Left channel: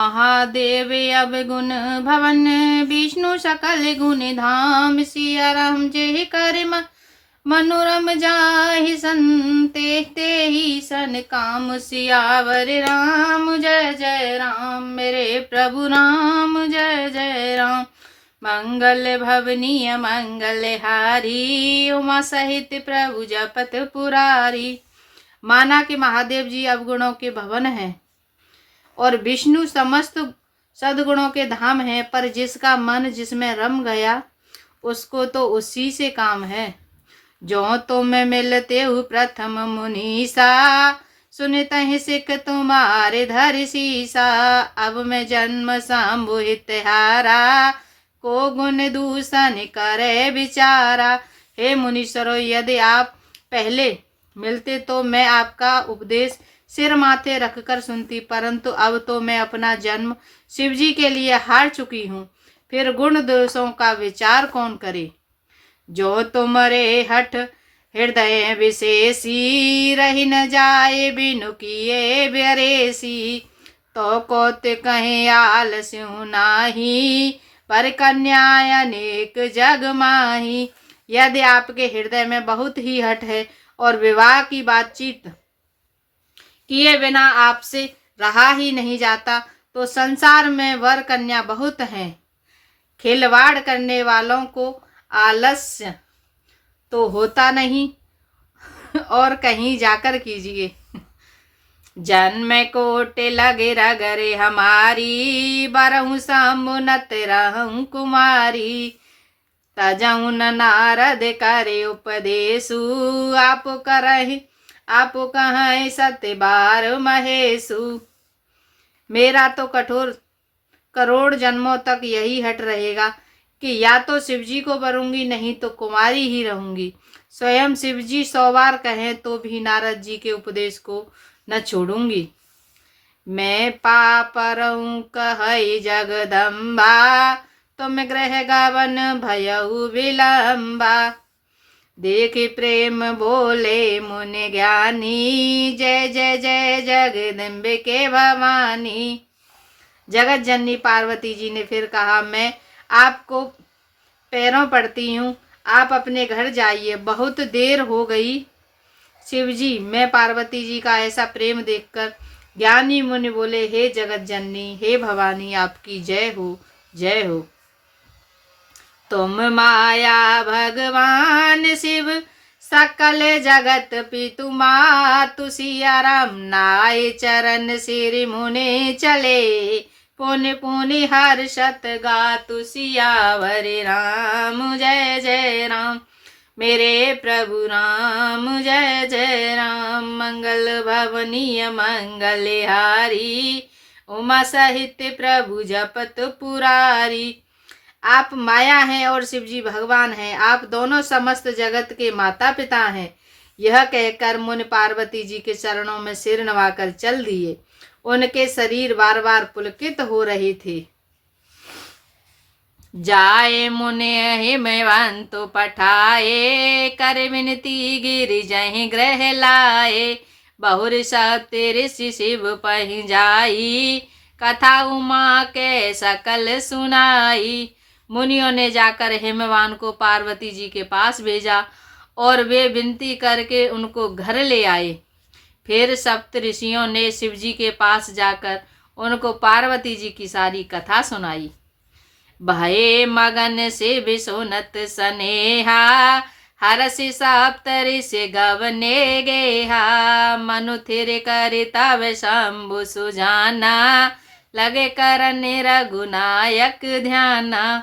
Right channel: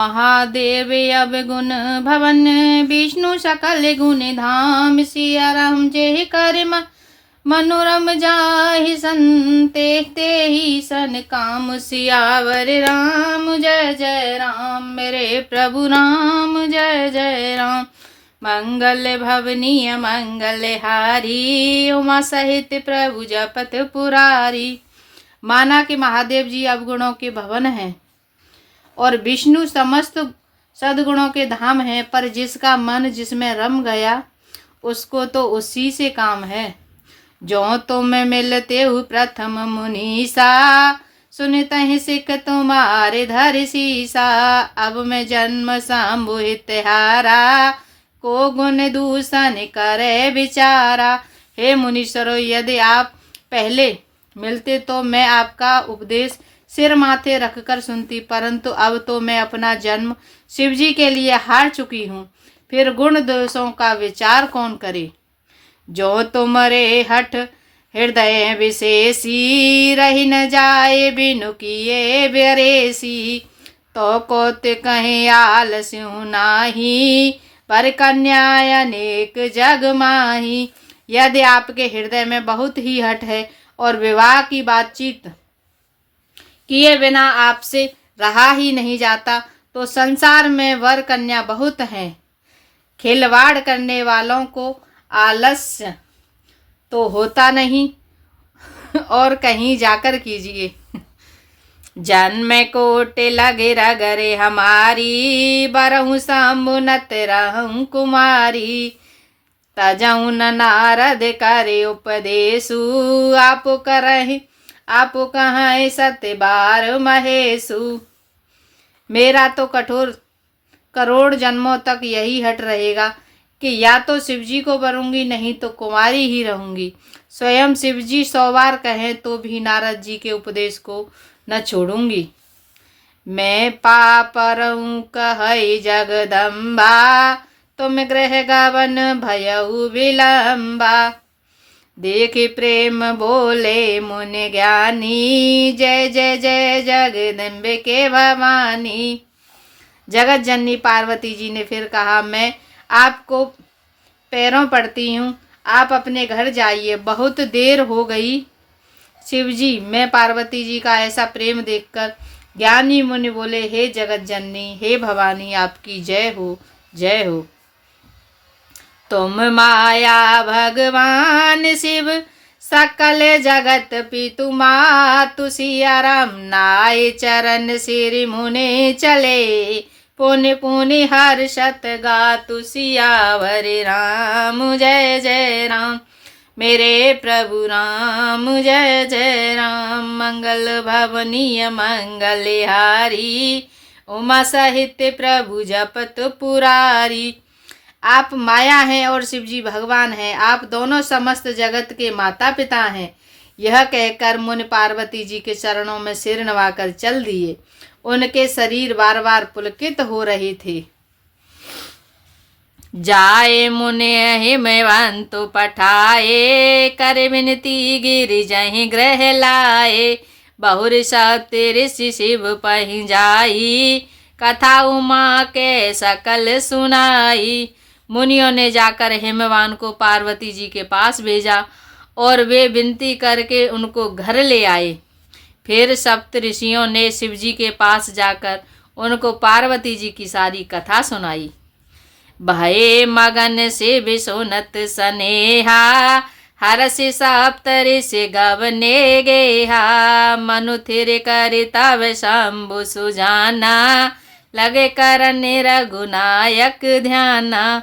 महादेव अब गुण भवन, विष्णु सकल गुण धाम। सिया राम जय कर मनोरम जाहि संते तेहि सन काम। सियावर राम जय जय राम, मेरे प्रभु राम जय जय राम। मंगल भवनीय मंगल हारी, उमा सहित प्रभु जपत पुरारी। माना कि महादेव जी अवगुणों के भवन हैं और विष्णु समस्त सद्गुणों के धाम है, पर जिसका मन जिसमें रम गया उसको तो उसी से काम है। जो तुम मिलते हो प्रथम मुनीसा, सुनत ही सिख तुम्हारे धर सीसा। अब मैं जन्म संबुहित हारा, को गुण दूषण करे विचारा। हे मुनीश्वरों, यदि आप पहले मिलते तो मैं आपका उपदेश सिर माथे रखकर सुनती, परंतु अब तो मैं अपना जन्म शिवजी के लिए हार चुकी हूँ, फिर गुण दोषों का विचार कौन करे। जो तुमरे हठ हृदय विशेषी, रही न जाए बिनु किए बेरेसी। तो कोत कहे आलस्यु नाही, पर कन्या अनेक जग माही। यदि आपके हृदय में बहुत ही हठ है और विवाह की बातचीत किए बिना आपसे रहा ही नहीं जाता, तो संसार में वर कन्या बहुत हैं। खिलवाड़ करने वालों को आलस्य तो होता नहीं, और कहीं जाकर कीजिए। जन्म कोटे लगे रगरे हमारी, बरहु समुनत रहूं कुमारी। तजऊ नारद करे उपदेशु, आप करहि आप कहाँ सत्य बार महेशु। मेरा तो करोड़ जन्मों तक यही हट रहेगा कि या तो शिवजी को वरूंगी, नहीं तो कुमारी ही रहूंगी। स्वयं शिवजी 100 बार कहें तो भी नारद जी के उपदेश को न छोड़ूंगी। मैं पापरऊं कहई जगदम्बा, तुम ग्रह गवन भयऊ विलंबा। देख प्रेम बोले मुनि ज्ञानी, जय जय जय जगदम्बे के भवानी। जगत जननी पार्वती जी ने फिर कहा, मैं आपको पैरों पड़ती हूँ, आप अपने घर जाइए, बहुत देर हो गई। शिवजी, मैं पार्वती जी का ऐसा प्रेम देखकर ज्ञानी मुनि बोले, हे जगत जननी, हे भवानी, आपकी जय हो, जय हो। तुम माया भगवान शिव, सकल जगत पितु मातु। सिया राम नाय चरण सिर मुने चले, पुनि पुनि हर्षत गातु। सियावर राम जय जय राम, मेरे प्रभु राम जय जय राम। मंगल भवनीय मंगल हारी, उमा सहित प्रभु जपत पुरारी। आप माया हैं और शिवजी भगवान हैं, आप दोनों समस्त जगत के माता पिता हैं। यह कहकर मुनि पार्वती जी के चरणों में सिर नवाकर चल दिए। उनके शरीर बार बार पुलकित हो रहे थे। जाए मुनि हिमवंत पठाए, कर विनती गिरि जहि ग्रह लाए। बहुर सप्त ऋषि शिव पहि जाई, कथा उमा के सकल सुनाई। मुनियों ने जाकर हिमवान को पार्वती जी के पास भेजा और वे विनती करके उनको घर ले आए। फिर सप्त ऋषियों ने शिवजी के पास जाकर उनको पार्वती जी की सारी कथा सुनाई। भये मगन से भी सुनत सनेहा, हरस सप्त ऋषि गवने गेहा। मनु थिर कर तब शंभु सुजाना, लगे करन रघुनायक ध्याना।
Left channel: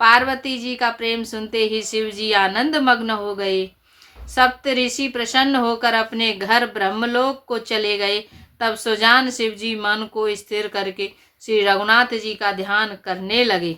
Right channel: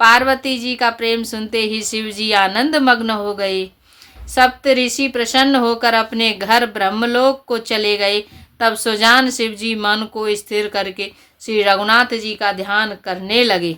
पार्वती जी का प्रेम सुनते ही शिवजी आनंद मग्न हो गए। सप्त ऋषि प्रसन्न होकर अपने घर ब्रह्मलोक को चले गए। तब सुजान शिवजी मन को स्थिर करके श्री रघुनाथ जी का ध्यान करने लगे।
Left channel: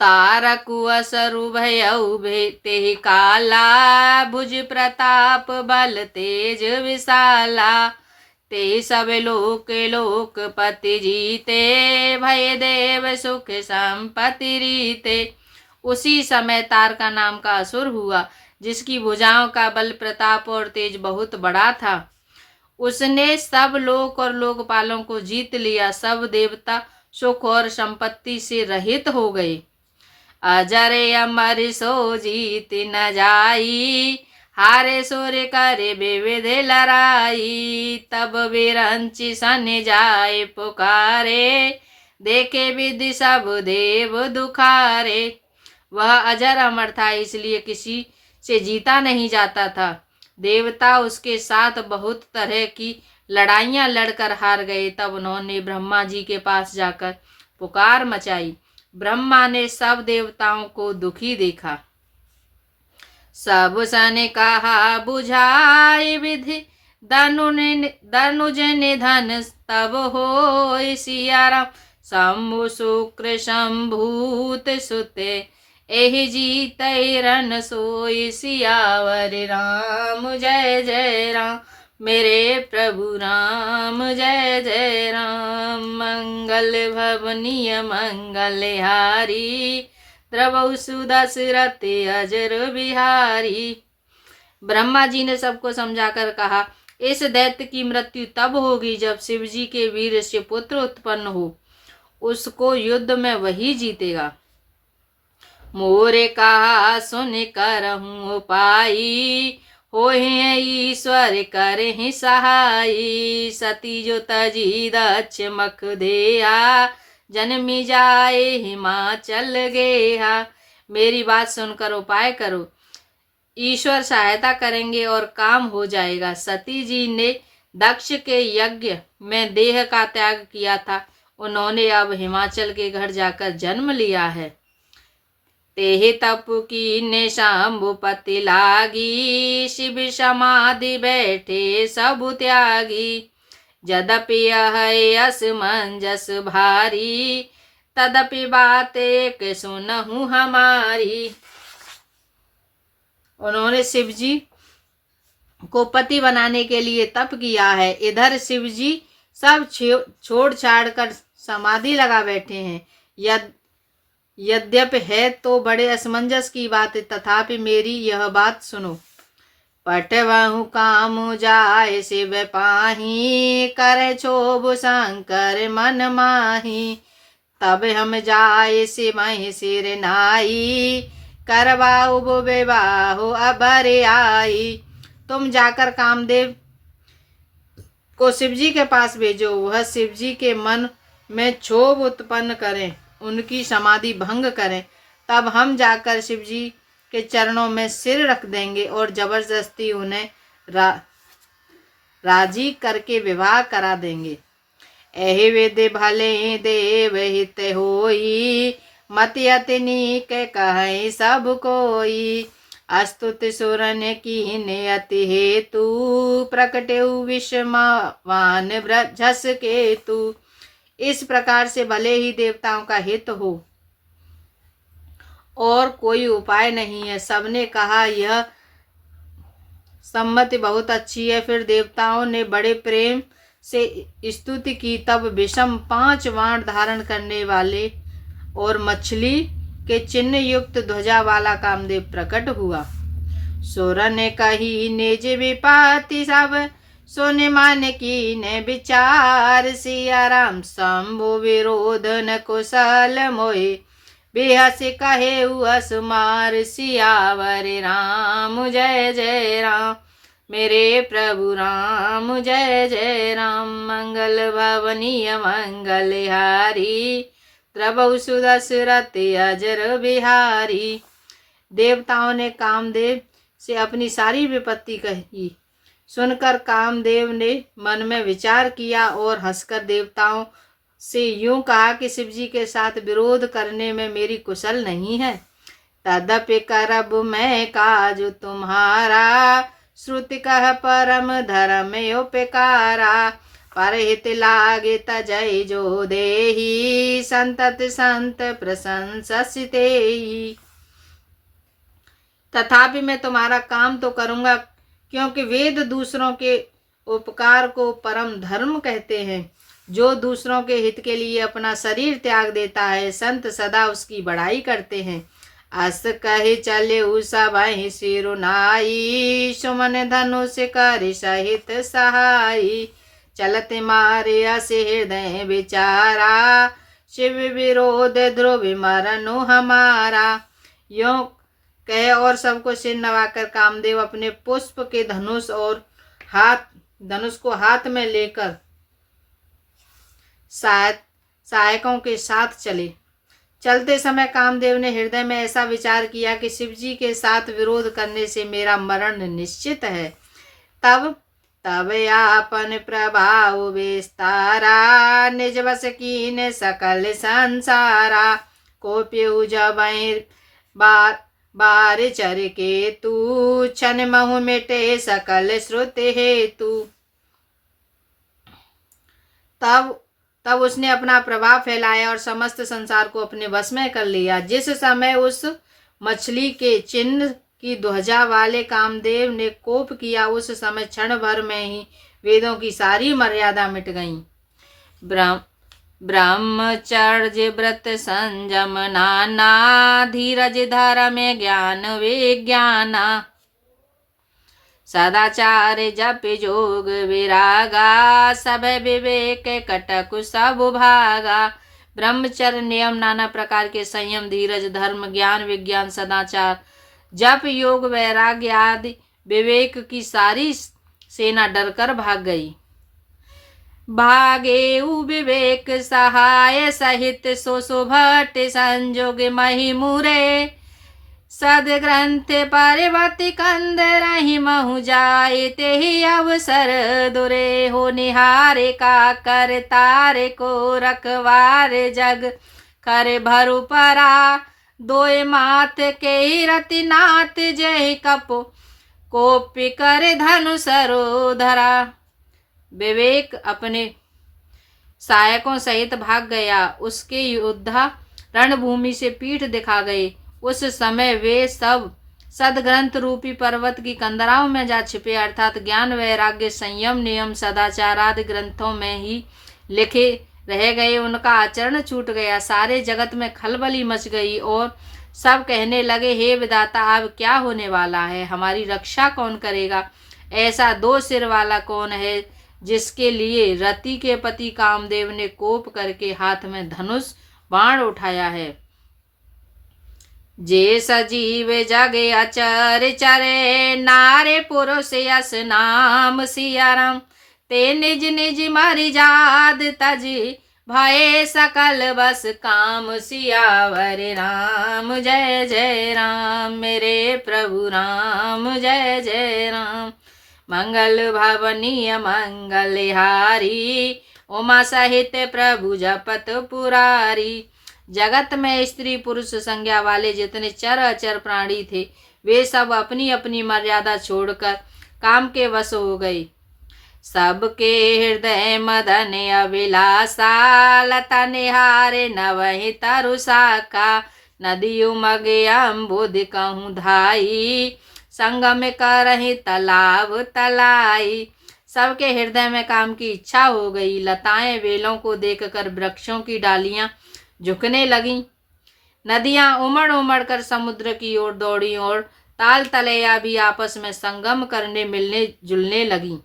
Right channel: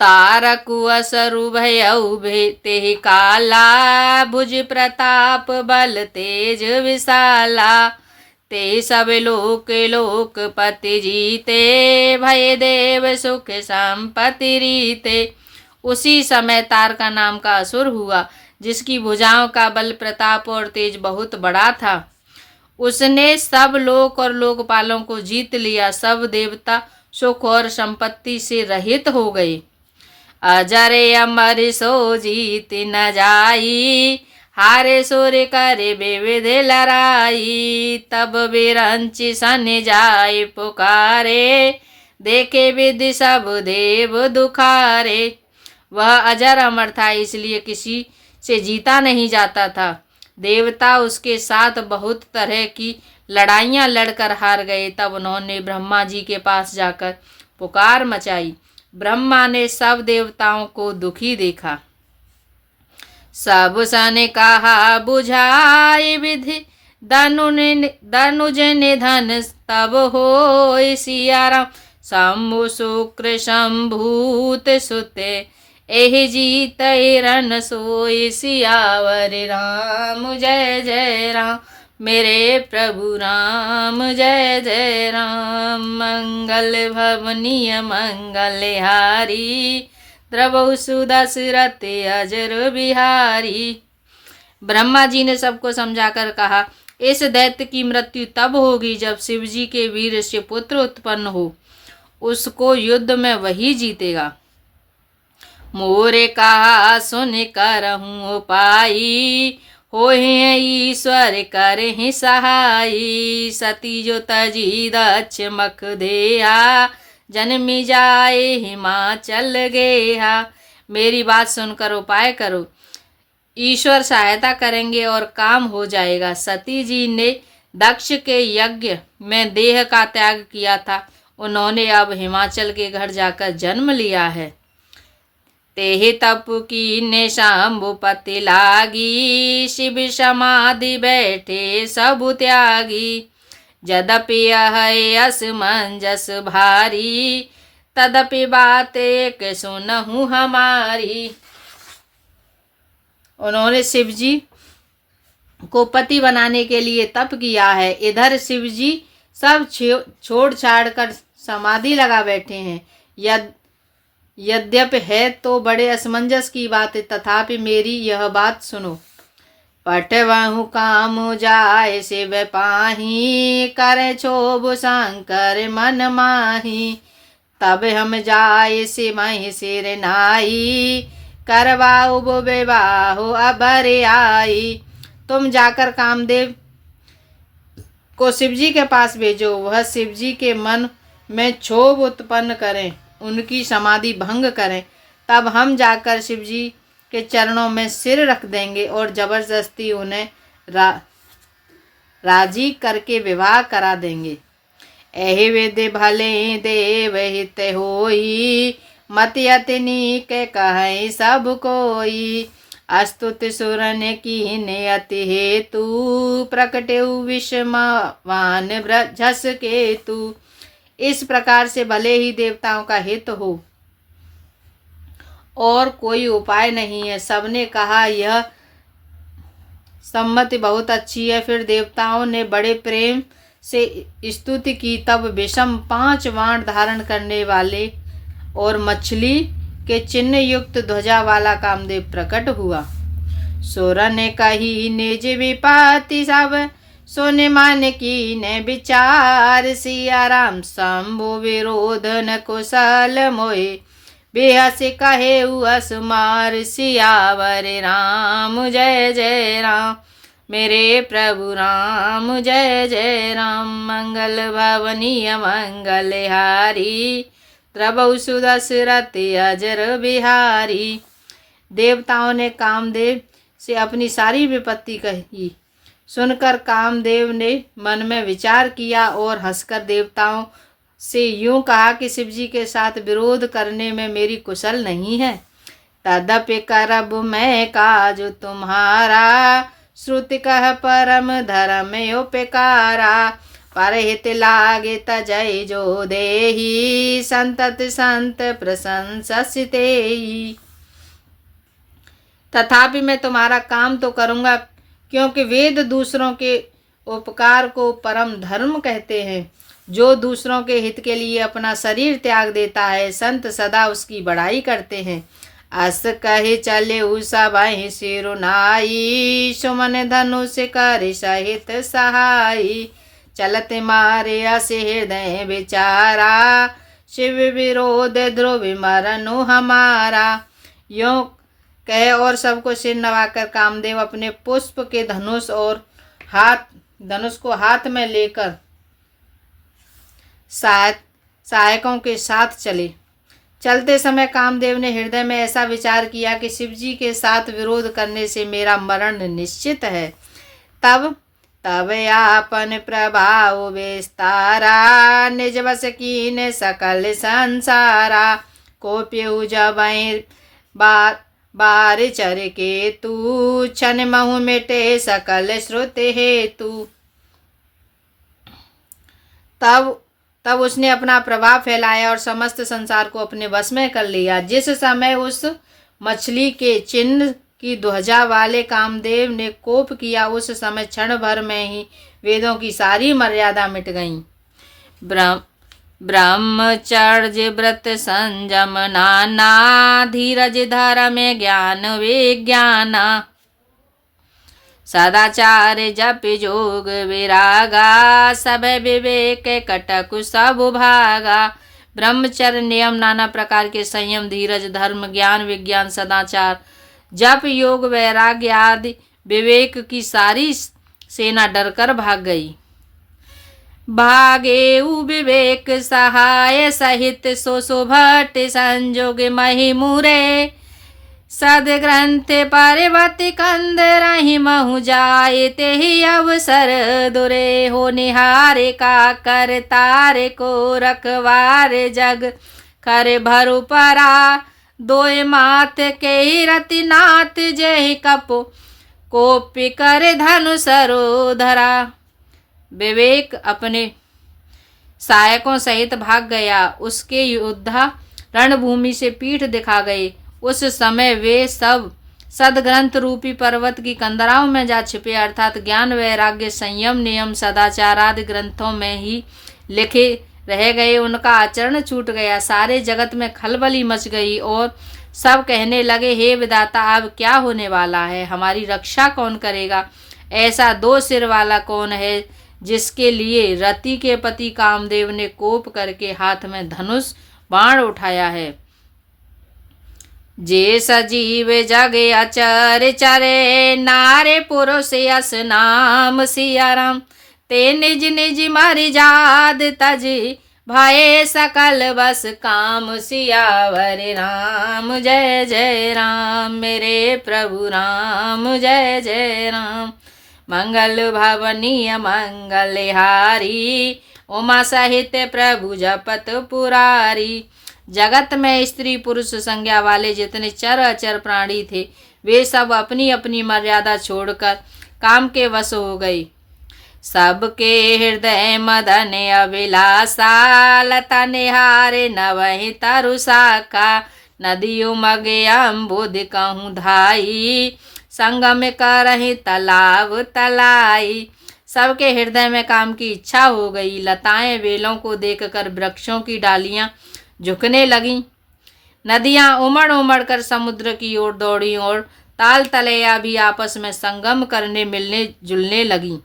तारकु असरु भयउ ते काला, भुज प्रताप बल तेज विशाला। ते सब लोक लोकपति जीते, भय देव सुख संपत्ति रीते। उसी समय तारका नाम का असुर हुआ, जिसकी भुजाओं का बल प्रताप और तेज बहुत बड़ा था। उसने सब लोक और लोकपालों को जीत लिया। सब देवता सुख और संपत्ति से रहित हो गए। अजर अमर सो जीत न जाई, हारे सूर्य करे विविध लड़ाई। तब बिरंच सन जाए पुकारे, देखे विधि सब देव दुखारे। वह अजर अमर था, इसलिए किसी से जीता नहीं जाता था। देवता उसके साथ बहुत तरह की लड़ाइयाँ लड़कर हार गए। तब उन्होंने ब्रह्मा जी के पास जाकर पुकार मचाई। ब्रह्मा ने सब देवताओं को दुखी देखा। सब सन कहा बुझाए विधि, धनुज निधन तब होय सियाराम। शंभु शुक्र शंभूत सुते, एहि जीत रन सोई सियावर राम। जय जय राम मेरे प्रभु राम, जय जय राम। मंगल भवनीय मंगलहारी, द्रवहु सुदशरथ अजर बिहारी। ब्रह्मा जी ने सबको समझाकर कहा, इस दैत्य की मृत्यु तब होगी जब शिवजी के वीर से पुत्र उत्पन्न हो। उसको युद्ध में वही जीतेगा। मोरे कहा सुन करहूँ उपाई, होहि ईश्वर करहि सहाई। सती जो तजी दक्ष मख देहा, जन्मी जाए हिमाचल गेहा। मेरी बात सुनकर उपाय करो, ईश्वर सहायता करेंगे और काम हो जाएगा। सती जी ने दक्ष के यज्ञ में देह का त्याग किया था, उन्होंने अब हिमाचल के घर जाकर जन्म लिया है। तेहि तप कीन्हे शंभुपति लागी, शिव समाधि बैठे सब त्यागी। यद्यपि यह असमंजस भारी, तदपि बात एक सुनहु हमारी। उन्होंने शिवजी को पति बनाने के लिए तप किया है। इधर शिवजी सब छोड़ छाड़ कर समाधि लगा बैठे हैं। यद्यपि है तो बड़े असमंजस की बात है, तथापि मेरी यह बात सुनो। पटवहु काम जाय शिव पाही, करे क्षोभ शंकर मन माही। तब हम जाय सिमहि सिर नाई, करवाऊ विवाहो अबर आई। तुम जाकर कामदेव को शिवजी के पास भेजो, वह शिवजी के मन में क्षोभ उत्पन्न करें, उनकी समाधि भंग करें। तब हम जाकर शिवजी के चरणों में सिर रख देंगे और जबरदस्ती उन्हें राजी करके विवाह करा देंगे। एहि विधि भले देव हित होई, मति अति नीक कहे सब कोई। अस्तुति सुरन कीन्हे अति हेतु, प्रकटेउ विषमवान झस केतु। इस प्रकार से भले ही देवताओं का हित हो और कोई उपाय नहीं है। सबने कहा यह सम्मति बहुत अच्छी है। फिर देवताओं ने बड़े प्रेम से स्तुति की। तब विषम 5 बाण धारण करने वाले और मछली के चिन्ह युक्त ध्वजा वाला कामदेव प्रकट हुआ। सुरन ने कही निज विपत्ति सब, सोने मान की ने विचार। सिया राम शंभु विरोध न कुशल मोहि, बेहस कहे असमार। सियावर राम जय जय राम मेरे प्रभु राम, जय जय राम। मंगल भवनीय मंगलहारी, द्रवहु सुदशरथ अजर बिहारी। देवताओं ने कामदेव से अपनी सारी विपत्ति कही। सुनकर कामदेव ने मन में विचार किया और हंसकर देवताओं से यूं कहा कि शिवजी के साथ विरोध करने में मेरी कुशल नहीं है। तदपि करब मैं काज तुम्हारा, श्रुति कह परम धर्म उपकारा। परहित लागे तजय जो देहि, संतत संत प्रशंसितेहि। तथापि मैं तुम्हारा काम तो करूँगा, क्योंकि वेद दूसरों के उपकार को परम धर्म कहते हैं। जो दूसरों के हित के लिए अपना शरीर त्याग देता है, संत सदा उसकी बड़ाई करते हैं। अस कही चले सबहि सिरुनाई, सुमन धनुष कर सहित सहाई। चलत मारे अस हृदय विचारा, शिव विरोध ध्रुव मरनु हमारा। यों कह और सबको सिर नवाकर कामदेव अपने पुष्प के धनुष को हाथ में लेकर सहायकों के साथ चले। चलते समय कामदेव ने हृदय में ऐसा विचार किया कि शिवजी के साथ विरोध करने से मेरा मरण निश्चित है। तब आपन प्रभाव विस्तारा, निज बस कीन सकल संसारा। को प्यू जब बार चर के तू, क्षण महु मिटे सकल श्रुति हेतु। तब उसने अपना प्रभाव फैलाया और समस्त संसार को अपने वश में कर लिया। जिस समय उस मछली के चिन्ह की ध्वजा वाले कामदेव ने कोप किया, उस समय क्षण भर में ही वेदों की सारी मर्यादा मिट गईं। ब्रह्मचर्य व्रत संयम नाना, धीरज धर्म ज्ञान विज्ञाना। सदाचार जप जोग विरागा, सब विवेक कटक सब भागा। ब्रह्मचर्य नियम, नाना प्रकार के संयम, धीरज, धर्म, ज्ञान विज्ञान, सदाचार, जप योग वैराग्य आदि विवेक की सारी सेना डरकर भाग गई। भागे विवेक सहाय सहित, सो भट्ट संजोग मही मुरे। सद ग्रंथ पर्वत कंद रही महु जाए, ते ही अवसर दुरे। हो निहारे का कर तारे को रखवार, जग कर भरु परा। दोय माथ के रति नाथ, जय कपो कोपी कर धनु सरो धरा। विवेक अपने सहायकों सहित भाग गया। उसके योद्धा रणभूमि से पीठ दिखा गए। उस समय वे सब सदग्रंथ रूपी पर्वत की कंदराओं में जा छिपे, अर्थात ज्ञान वैराग्य संयम नियम सदाचार आदि ग्रंथों में ही लिखे रह गए। उनका आचरण छूट गया। सारे जगत में खलबली मच गई और सब कहने लगे, हे विधाता, अब क्या होने वाला है? हमारी रक्षा कौन करेगा? ऐसा दो सिर वाला कौन है जिसके लिए रति के पति कामदेव ने कोप करके हाथ में धनुष बाण उठाया है? जे सजीव जगे अचर चरे, नारे पुरुष यस नाम सियाराम। ते निज निज मरि जाद तजी, भाए सकल बस काम। सियावर राम जय जय राम, मेरे प्रभु राम जय जय राम। मंगल भवनीय मंगलहारी, उमा सहित प्रभु जपत पुरारी। जगत में स्त्री पुरुष संज्ञा वाले जितने चर अचर प्राणी थे, वे सब अपनी अपनी मर्यादा छोड़कर काम के वश हो गए। सबके हृदय मदन अभिलाषा, लता निहारे नवहि तरु शाखा। नदी उमग अम्बुद कहूँ धाई, संगम करहि तालाब तलाई। सबके हृदय में काम की इच्छा हो गई। लताएं बेलों को देखकर वृक्षों की डालियां झुकने लगीं। नदियां उमड़ उमड़ कर समुद्र की ओर दौड़ी और ताल तलैया भी आपस में संगम करने मिलने जुलने लगीं।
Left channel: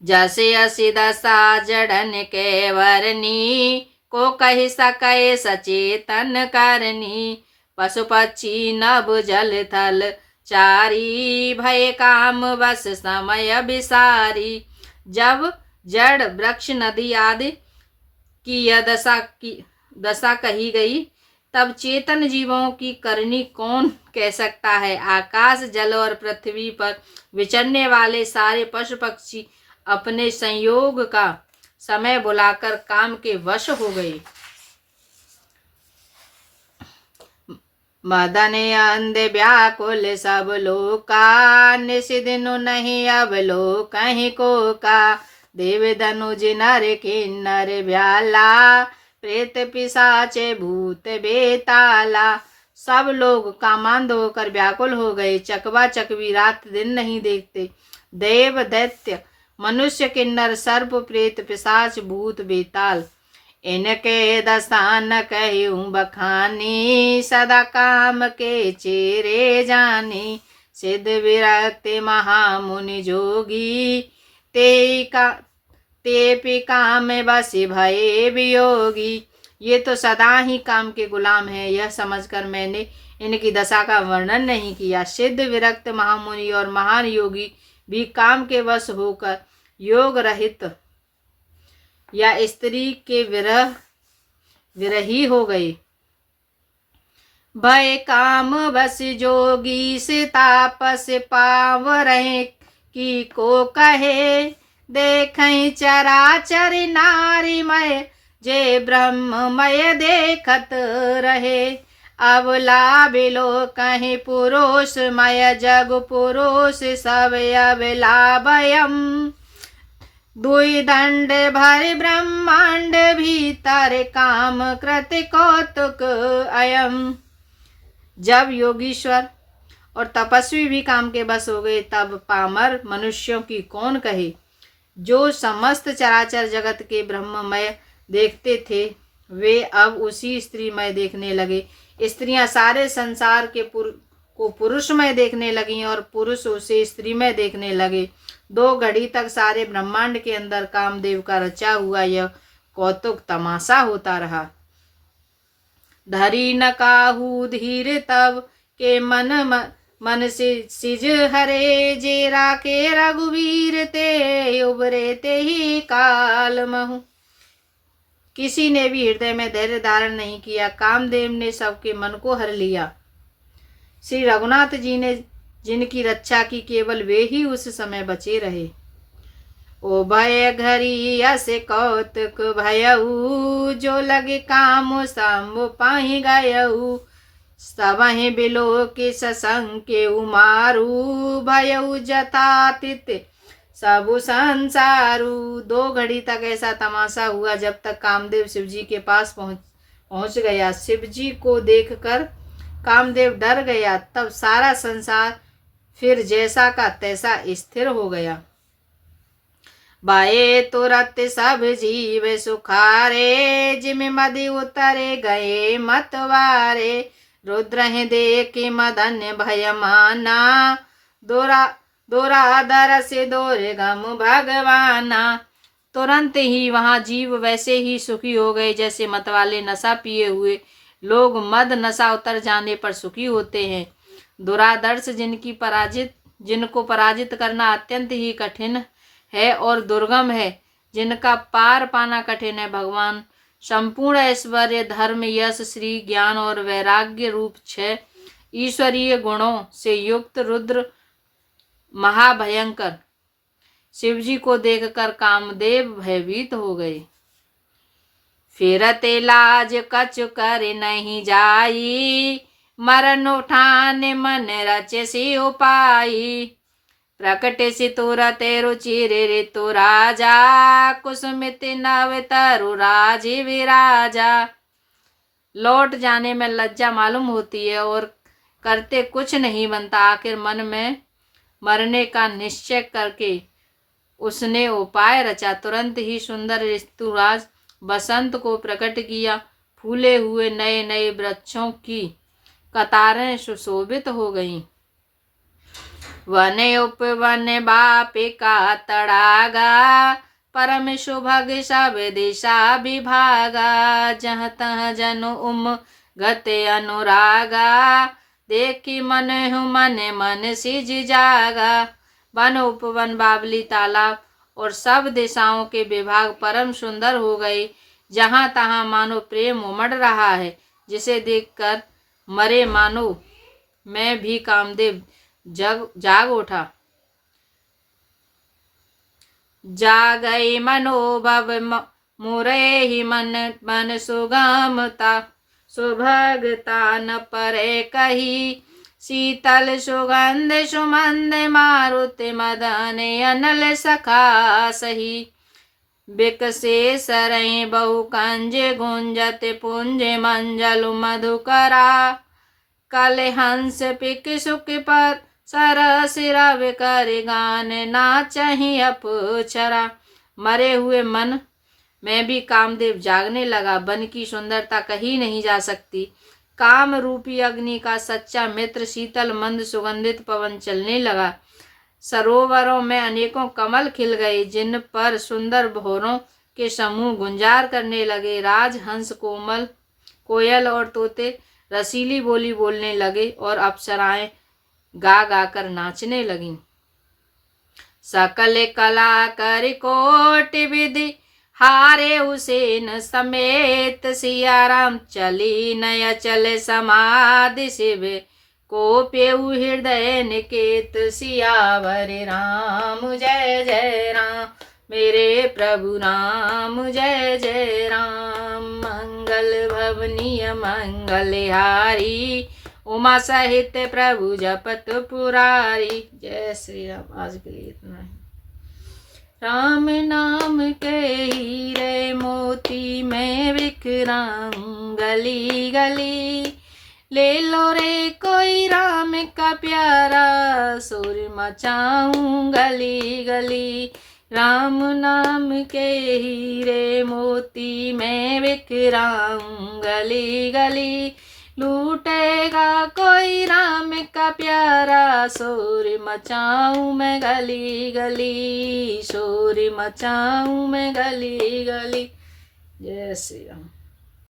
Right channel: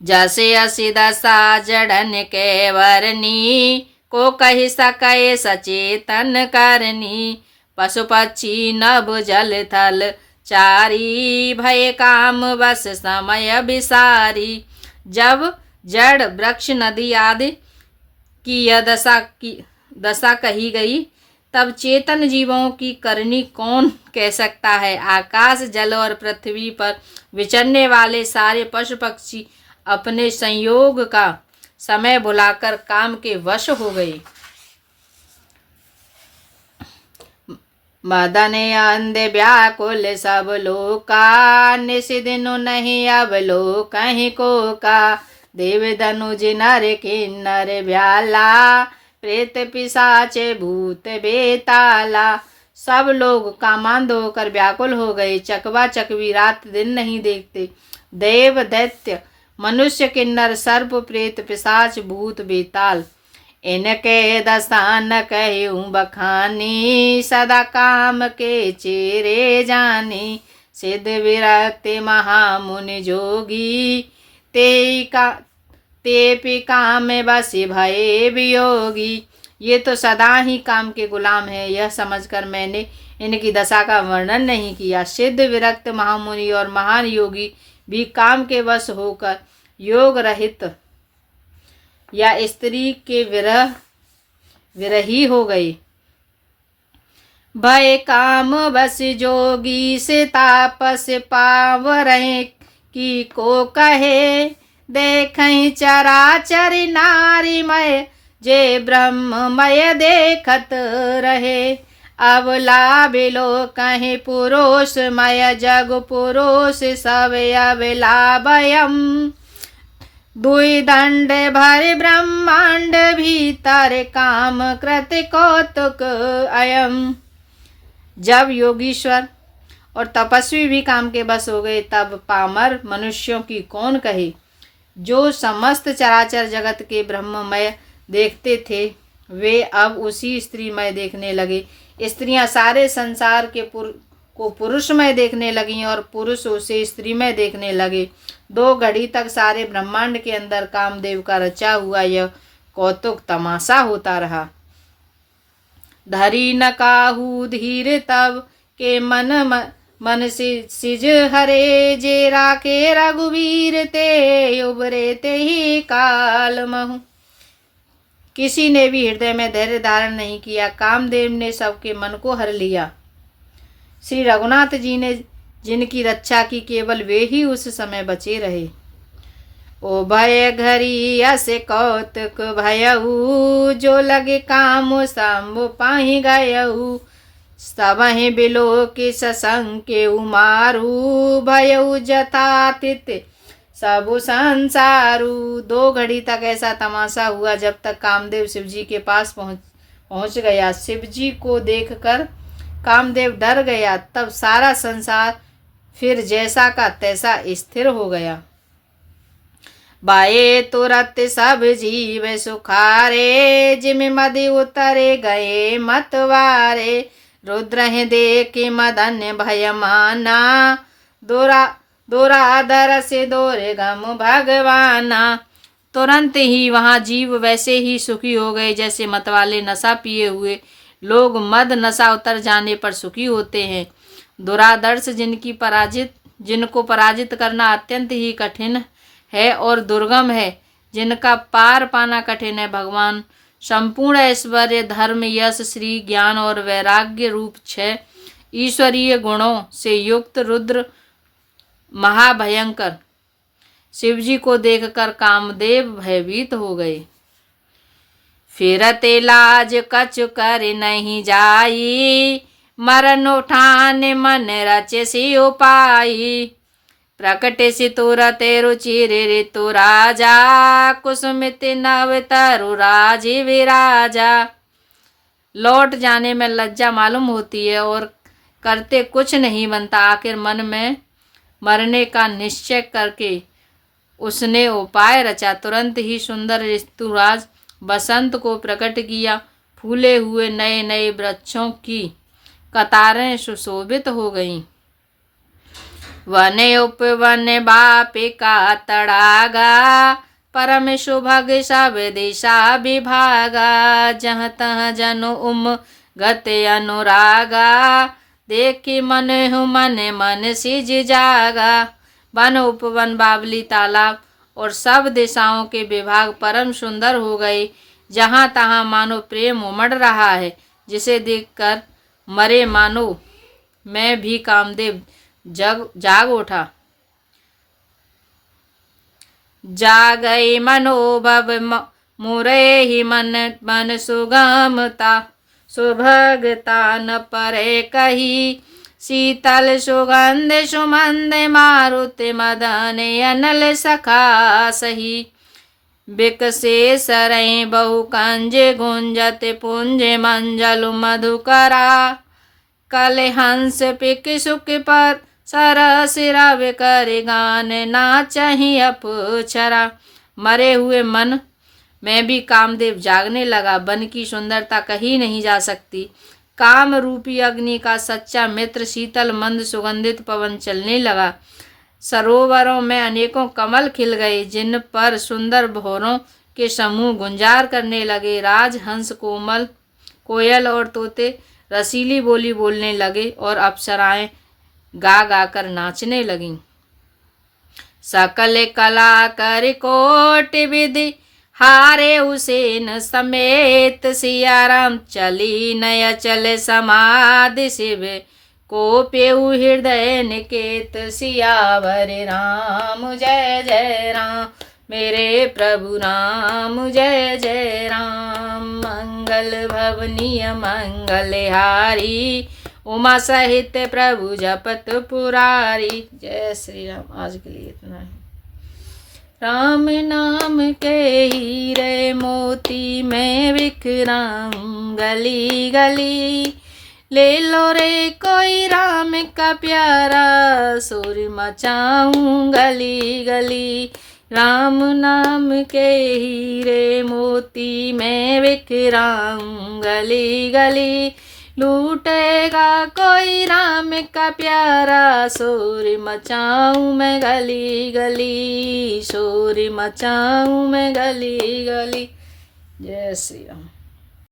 जैसे असी दशा जड़न के वरनी, को कही सके सचेतन करनी। पशु पक्षी नभ जल थल चारी, भय काम बस समय विसारी। जब जड़ वृक्ष नदी आदि की यह दशा कही गई, तब चेतन जीवों की करनी कौन कह सकता है? आकाश जल और पृथ्वी पर विचरने वाले सारे पशु पक्षी अपने संयोग का समय बुलाकर काम के वश हो गए। मदन अंध व्याकुल सब लोका, निषिदिनु नहीं अब लोक कहीं को का। देव धनुज नर किन्नर ब्याला, प्रेत पिशाचे भूत बेताला। सब लोग कामांध होकर व्याकुल हो गए। चकवा चकवी रात दिन नहीं देखते। देव दैत्य मनुष्य किन्नर सर्प प्रेत पिशाच भूत बेताल, इनके दशा न कहूँ बखानी, सदा काम के चेरे जानी। सिद्ध विरक्त महामुनि जोगी, ते काम बस भये वियोगी। ये तो सदा ही काम के गुलाम है, यह समझकर मैंने इनकी दशा का वर्णन नहीं किया। सिद्ध विरक्त महामुनि और महान योगी भी काम के वश होकर योग रहित या स्त्री के विरही हो गए। भय काम बस जोगी से तापस पावरें, की को कहे देखें चराचर नारीमय, जे ब्रह्ममय देखत रहे। अबला बिलो कहीं पुरुषमय, जग पुरुष सब अबलाभयम। दुई दंड भर ब्रह्मांड भीतर, काम कृत कौतुक अयम। जब योगीश्वर और तपस्वी भी काम के बस हो गए, तब पामर मनुष्यों की कौन कहे। जो समस्त चराचर जगत के ब्रह्ममय देखते थे, वे अब उसी स्त्रीमय देखने लगे। स्त्रियां सारे संसार के को पुरुषमय देखने लगीं और पुरुष उसे स्त्रीमय देखने लगे। 2 घड़ी तक सारे ब्रह्मांड के अंदर कामदेव का रचा हुआ यह कौतुक तमाशा होता रहा। धरी न काहू धीर तब के मन सिज हरे, जे राके रघुवीर ते उबरे ते ही काल महु। किसी ने भी हृदय में धैर्य धारण नहीं किया, कामदेव ने सबके मन को हर लिया। श्री रघुनाथ जी ने जिनकी रक्षा की, केवल वे ही उस समय बचे रहे। ओ भय घरी अस कौतुक भयऊ, जो लगे काम संभ पाहि गयऊ। सबहि बिलो के ससंग के उमारू, भयऊ जतातित सब संसारू। 2 घड़ी तक ऐसा तमाशा हुआ, जब तक कामदेव शिवजी के पास पहुंच गया। शिवजी को देखकर कामदेव डर गया, तब सारा संसार फिर जैसा का तैसा स्थिर हो गया। बाए तुरत सब जीव सुखारे, जिम मदि उतरे गए मतवारे। रुद्र देख मदन भय माना, दोराधर से दुर्गम भगवाना। तुरंत ही वहाँ जीव वैसे ही सुखी हो गए जैसे मतवाले नशा पिए हुए लोग मद नशा उतर जाने पर सुखी होते हैं। दुरादर्श जिनको पराजित करना अत्यंत ही कठिन है और दुर्गम है, जिनका पार पाना कठिन है। भगवान संपूर्ण ऐश्वर्य, धर्म, यश, श्री, ज्ञान और वैराग्य रूप 6 ईश्वरीय गुणों से युक्त रुद्र महाभयंकर शिवजी को देखकर कामदेव भयभीत हो गए। फिरते लाज कछ कर नहीं जाई, मरण उठान मन रचे सी उपाई। प्रकट सि तुरते रुचिर ऋतु राजा, कुसुमित नव तरु राजी विराजा। लौट जाने में लज्जा मालूम होती है और करते कुछ नहीं बनता। आखिर मन में मरने का निश्चय करके उसने उपाय रचा। तुरंत ही सुंदर ऋतुराज बसंत को प्रकट किया। फूले हुए नए नए वृक्षों की कतारें सुशोभित हो गईं। वन उपवन बापिका तड़ागा, परम सुभग सब दिशा विभागा। जहाँ तहाँ जनु गत अनुरागा, देखी मन मन सिज जागा। वन उपवन बावली तालाब और सब दिशाओं के विभाग परम सुंदर हो गए। जहाँ तहाँ मानो प्रेम उमड़ रहा है, जिसे देखकर मरे मानो मैं भी कामदेव जाग उठा। जागई मनोभव मुरे ही मन सुगमता, सुभगता न परे कही। शीतल सुगंध सुमंद मारुति मदन अनल सखा सही। बिकसे सरई बहु कंज गुंजत पुंज मंजल मधुकरा। कल हंस पिक सुख पर सर सिरव कर गान नाचहि अपुछरा। मरे हुए मन मैं भी कामदेव जागने लगा। वन की सुंदरता कहीं नहीं जा सकती। काम रूपी अग्नि का सच्चा मित्र शीतल मंद सुगंधित पवन चलने लगा। सरोवरों में अनेकों कमल खिल गए, जिन पर सुंदर भौरों के समूह गुंजार करने लगे। राजहंस, कोमल कोयल और तोते रसीली बोली बोलने लगे और अप्सराएं गा गा कर नाचने लगीं। सकल कला कर कोट विधि हारे हुसैन समेत, सियाराम चली नया चले समाधि शिव को पेहु हृदय निकेत। सियावर राम जय जय राम, मेरे प्रभु राम जय जय राम। मंगल भवनीय मंगलहारी, उमा सहित प्रभु जपत पुरारी। जय श्री राम। आज के लिए इतना है। राम नाम के हीरे मोती मैं बिखराऊं गली गली, ले लो रे कोई राम का प्यारा, शोर मचाऊं गली गली। राम नाम के हीरे मोती मैं बिखराऊं गली गली, लूटेगा कोई राम का प्यारा, शोर मचाऊं मैं गली गली, शोर मचाऊं मैं गली गली। जय श्री राम।